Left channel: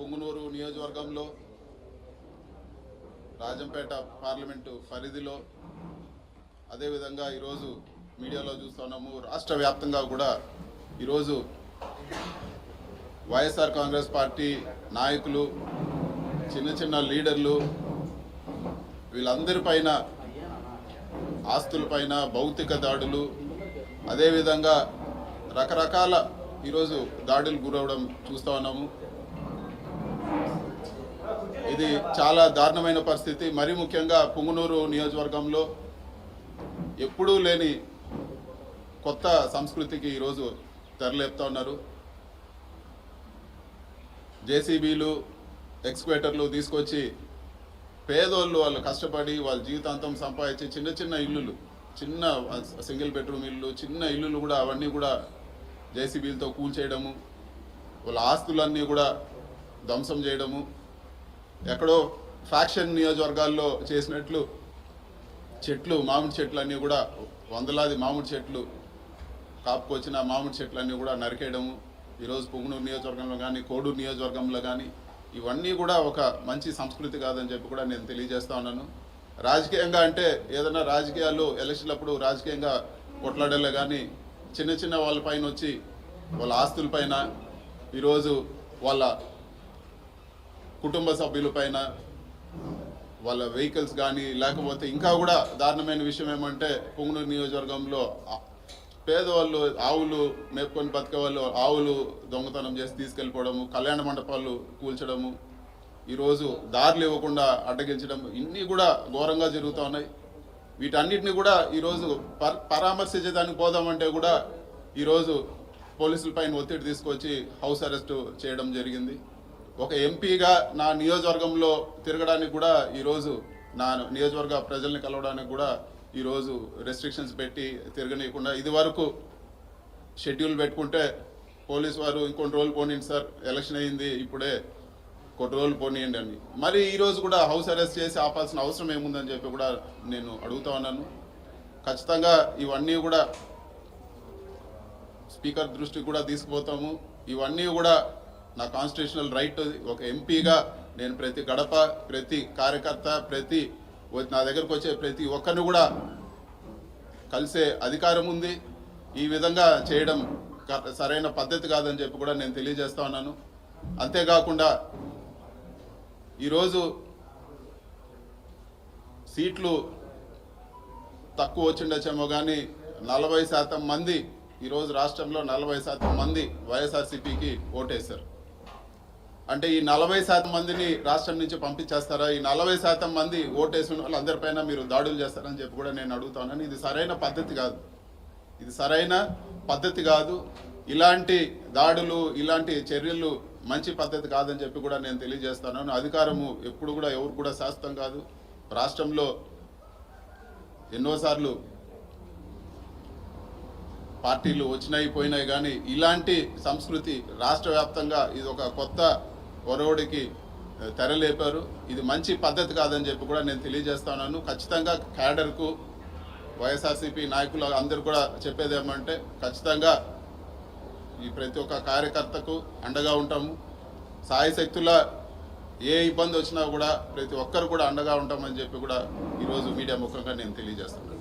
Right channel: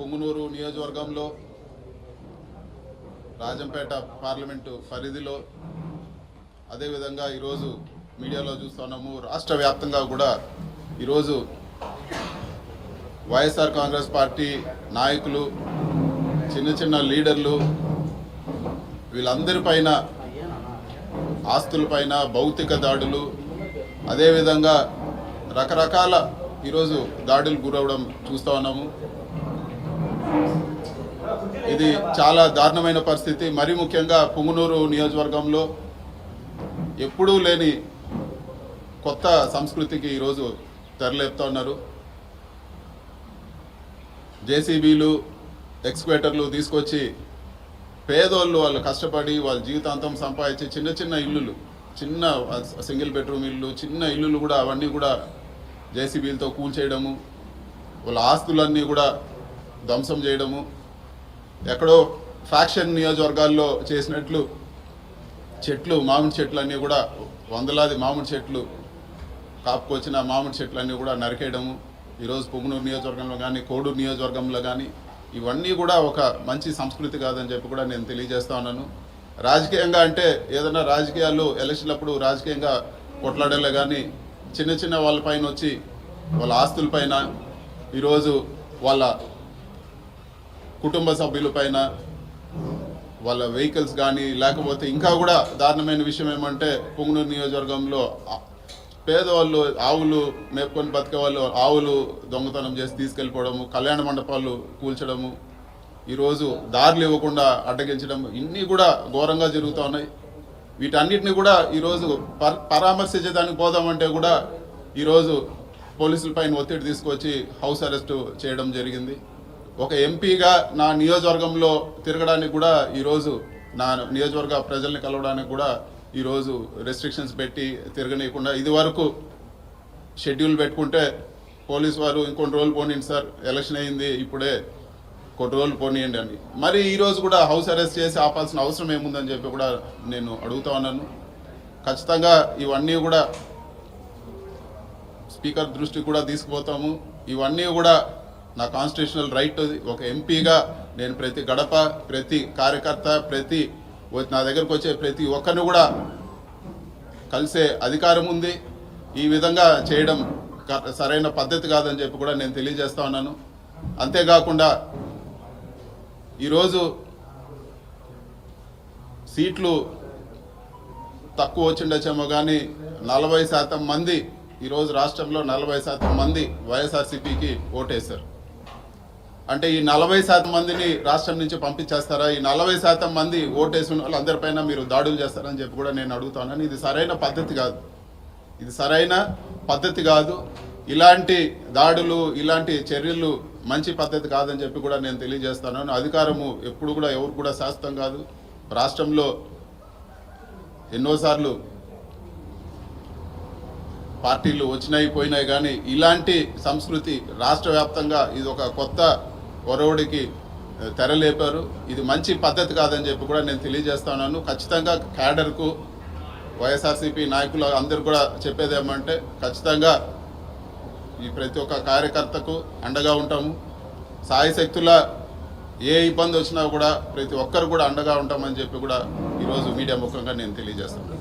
పొంగునూరు నియోజకవర్గంలో రాజంపేట పార్లమెంటు పరిధిలో అదేవిధంగా ఈరోజు మీడియాలో చూస్తున్నాము రాష్ట్ర వ్యాప్తంగా కూడా ఈరోజు వైఎస్ఆర్ కాంగ్రెస్ పార్టీ నాయకులు చిన్న చిన్న లీడర్లు వీళ్ళందరిపైన ఆస్తులపైన భౌతిక దాడులు అదేవిధంగా రకరకాల ఈరోజు దాడులు గురవడం చూస్తూ ఉన్నాము. ఇది చాలా దారుణమైన పరిస్థితి. మరీ ముఖ్యంగా పొంగునూరు నియోజకవర్గంలో ఎప్పుడూ లేని కొత్త సంస్కృతికి ఈరోజు తెరలేపుతా ఉన్నారు. జేసీబీలు ఎక్స్క్వేటర్లు తీసుకొచ్చి పేదోళ్ళు వాళ్ళు కష్టపడి వాళ్ళ జీవితాంతం సంపాదించి చిన్న చిన్న ఇల్లులు, చిన్న సింగిల్ బెడ్రూమ్ ఇల్లు, చిన్న ఇల్లులు కూడా అవన్నీ కూడా జేసీబీలతో కూల్చేయడము, వాళ్ళ ఆస్తులన్నీ కూడా ధ్వంసం చేయడము, ఎక్కడో ఫ్యాక్షన్ నియోజకవర్గాల్లో చేసినట్లు చెట్లు, మామిడి చెట్లు అన్నీ కూడా వందలాది మామిడి చెట్లు కాపుకొచ్చిన మామిడి చెట్లన్నీ కూడా నరికేయడము ఈరోజు పొంగునూరు నియోజకవర్గంలో కానీ కోడూరు నియోజకవర్గంలో కానీ ఇవన్నీ కూడా ఒక మంచి సంస్కృతి కాదని చెప్పి కూడా నేను తెలియజేస్తా ఉన్నాను. రాజకీయంగా అంటే ఏదైనా రాజకీయాల్లో ఎలక్షన్లప్పుడు రాజకీయంగా కొట్లాడలే కానీ చిన్న చిన్న వాళ్ళపైన వచ్చి వాళ్ళ ఆస్తులపైన ఈరోజు వాళ్ళ కుటుంబ సభ్యులపైన వాళ్ళ వెహికల్స్ కానీ లేకపోతే ఇంకా కూడా దారుణమైన విషయం ఏమంటే పొంగునూరు నియోజకవర్గంలో పేదవాళ్ళు ఆవులు మేపుకొని బతికే వాళ్ళు ఆవులు దొంగతనం చేసి తీసుకెళ్ళిపోవడము, కళ్యాణ మండపాలు కూల్చడము, ఈరోజు దారులు ఇవ్వకుండా అడ్డగించడం, ఇన్ని కూడా ఘోరంగా జరుగుతూ ఉన్నాయి. వీటన్నిటిని కూడా ఈరోజు పరామర్శించడానికి పోదామంటే కూడా ఈరోజు పోలీసుల పైన ఒత్తిడి తీసుకొచ్చి హౌస్ అరెస్టు చేయడం జరిగింది. ఒక ఎంపీగా నా నియోజకవర్గంలో తిరగడానికి కూడా ఈరోజు నా నియోజకవర్గ ప్రజల్ని కలవడానికి కూడా ఈరోజు రెస్ట్రిక్షన్స్ పెట్టి తిరగనీయకుండా, ఇది వరకు షెడ్యూల్ పెట్టుకుంటే పోలీసు వారు ఇంకొన్ని రోజులు పోనీయండి సార్, ఎలక్షన్ అయింది ఇప్పుడే కొన్ని రోజులు పోనీయండి అని, మరి ఈరోజు కూడా హౌస్ అరెస్ట్ చేసి ఆపాల్సిన అవసరం ఏముందని చెప్పి కూడా నేను అడుగుతా ఉన్నాను. ఖచ్చితంగా ఇవన్నీ కూడా స్పీకర్ దృష్టికి కూడా తీసుకుపోతాము. ఇవన్నీ కూడా నా కాన్స్టిట్యూషనల్ రైట్. ఒక ఎంపీగా నేను ప్రతి గడప, ప్రతి కార్యకర్త, ప్రతి నా దగ్గరకు వచ్చే ప్రతి ఒక్కరిని కూడా కలిసే అధికారం ఉంది. ఈ విధంగా చేయడం సరైన పద్ధతి కాదని చెప్పి కూడా నేను తెలియజేస్తా ఉన్నాను. అంతేకాకుండా ఈరోజు సీట్లు తక్కువ వచ్చిండొచ్చేమో కానీ 40% మంది ఈరోజు రాష్ట్రంలో 40% మంది వైఎస్ఆర్సీపీకి ఓటేశారు. అంటే ఈ 40% మందిని రాష్ట్రం నుంచి పంపించేస్తారా? ఈ 40% మంది ఓటేసిన వాళ్ళందరిపైన మీరు దాడులు చేస్తారని చెప్పి కూడా నేను అడుగుతాను. ఇది సరైన పద్ధతి కాదు, ఇది సరైన పద్ధతి కాదు. ఇలాంటి దాడులు, ఇలాంటి చర్యలు మంచి పద్ధతి కాదని చెప్పి కూడా నేను తెలియజేస్తాను. అధికారము ఎప్పుడు కూడా ఎవరు కూడా శాశ్వతం కాదు. రాష్ట్రంలో ఎన్నోసార్లు పార్టీలు వచ్చినాయి పోయినాయి కానీ ఇలాంటి సంస్కృతి రాష్ట్ర వ్యాప్తంగా ఇది ఒక కొత్త ఒరవడికి తెరలేపారు. ఇది మంచి పద్ధతి కాదని చెప్పి కూడా నేను తెలియజేస్తున్నాను. ఖచ్చితంగా క్యాడర్కు, వైఎస్ఆర్సీపీ నాయకులు అందరూ కూడా చెప్పేది ఏమంటే ఖచ్చితంగా ఈ ప్రతి ఒక్క కార్యకర్తకు అండగా ఉంటాము. సాయశక్తుల ఏ ఇబ్బంది వచ్చినా కూడా ప్రతి ఒక్కరు కూడా అండగా ఉంటామని చెప్పి కూడా ఈరోజు మీడియా ముఖంగా నేను తెలియజేస్తున్నాను.